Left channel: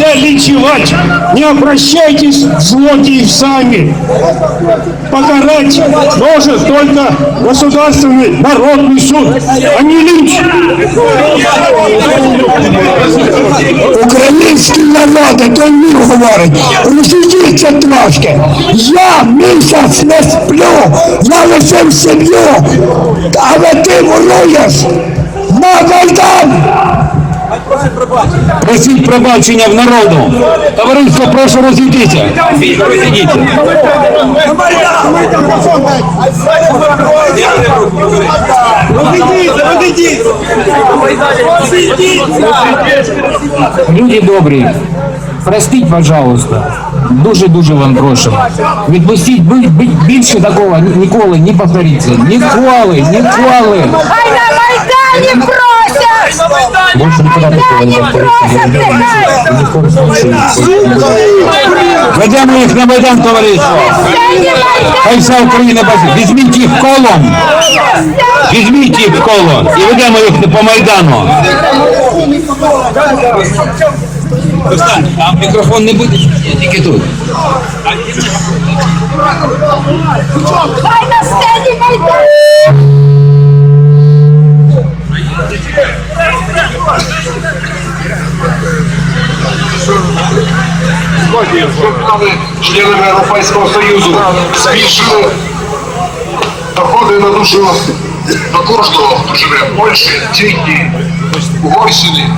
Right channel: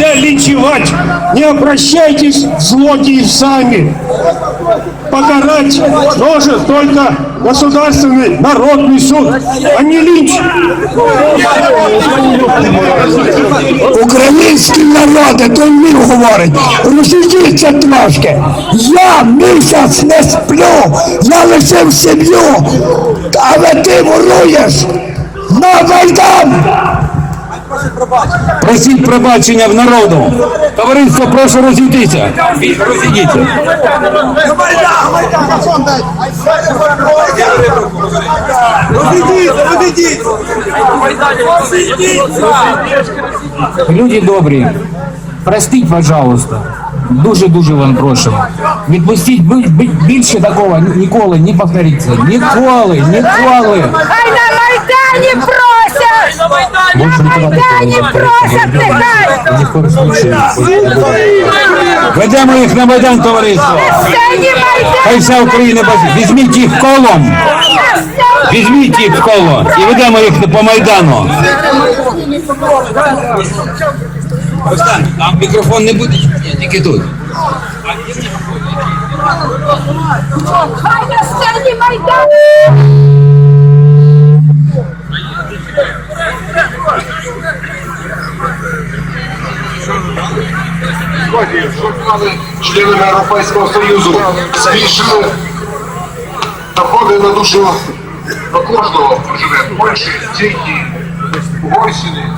нельзя линчевать. Не обращайтесь, злодеи, сами. Покарать может только государственный народный суд, а не линч. Український народ, то він говорить, розійдіться трошки. Я місяць не сплю, я лишив сім'ю, але ти воруєш на Майдан! Просіть пробачення в народу. Товариство, прошу розійдіться. Розійдіться. Люди добрі, простіть, пожалуйста. Дуже-дуже вам прошу. Відпустіть, бі- бі- більше такого ні- ніколи не повториться. Ніколи, ніколи. Хай на Майдані просять! Більше ніколи не. Ведемо їх на Майдан, товариство. Хай вся Україна бачить. Візьміть їх колом. Візьміть їх в коло і ведемо їх по Майдану. Там мікрофон не буде, тільки тут. Хай на сцені Майдан! Членами Європейського Союзу. Збільшили доходи на душу. До кожного, хто живе в Польщі, Чехії, Угорщині.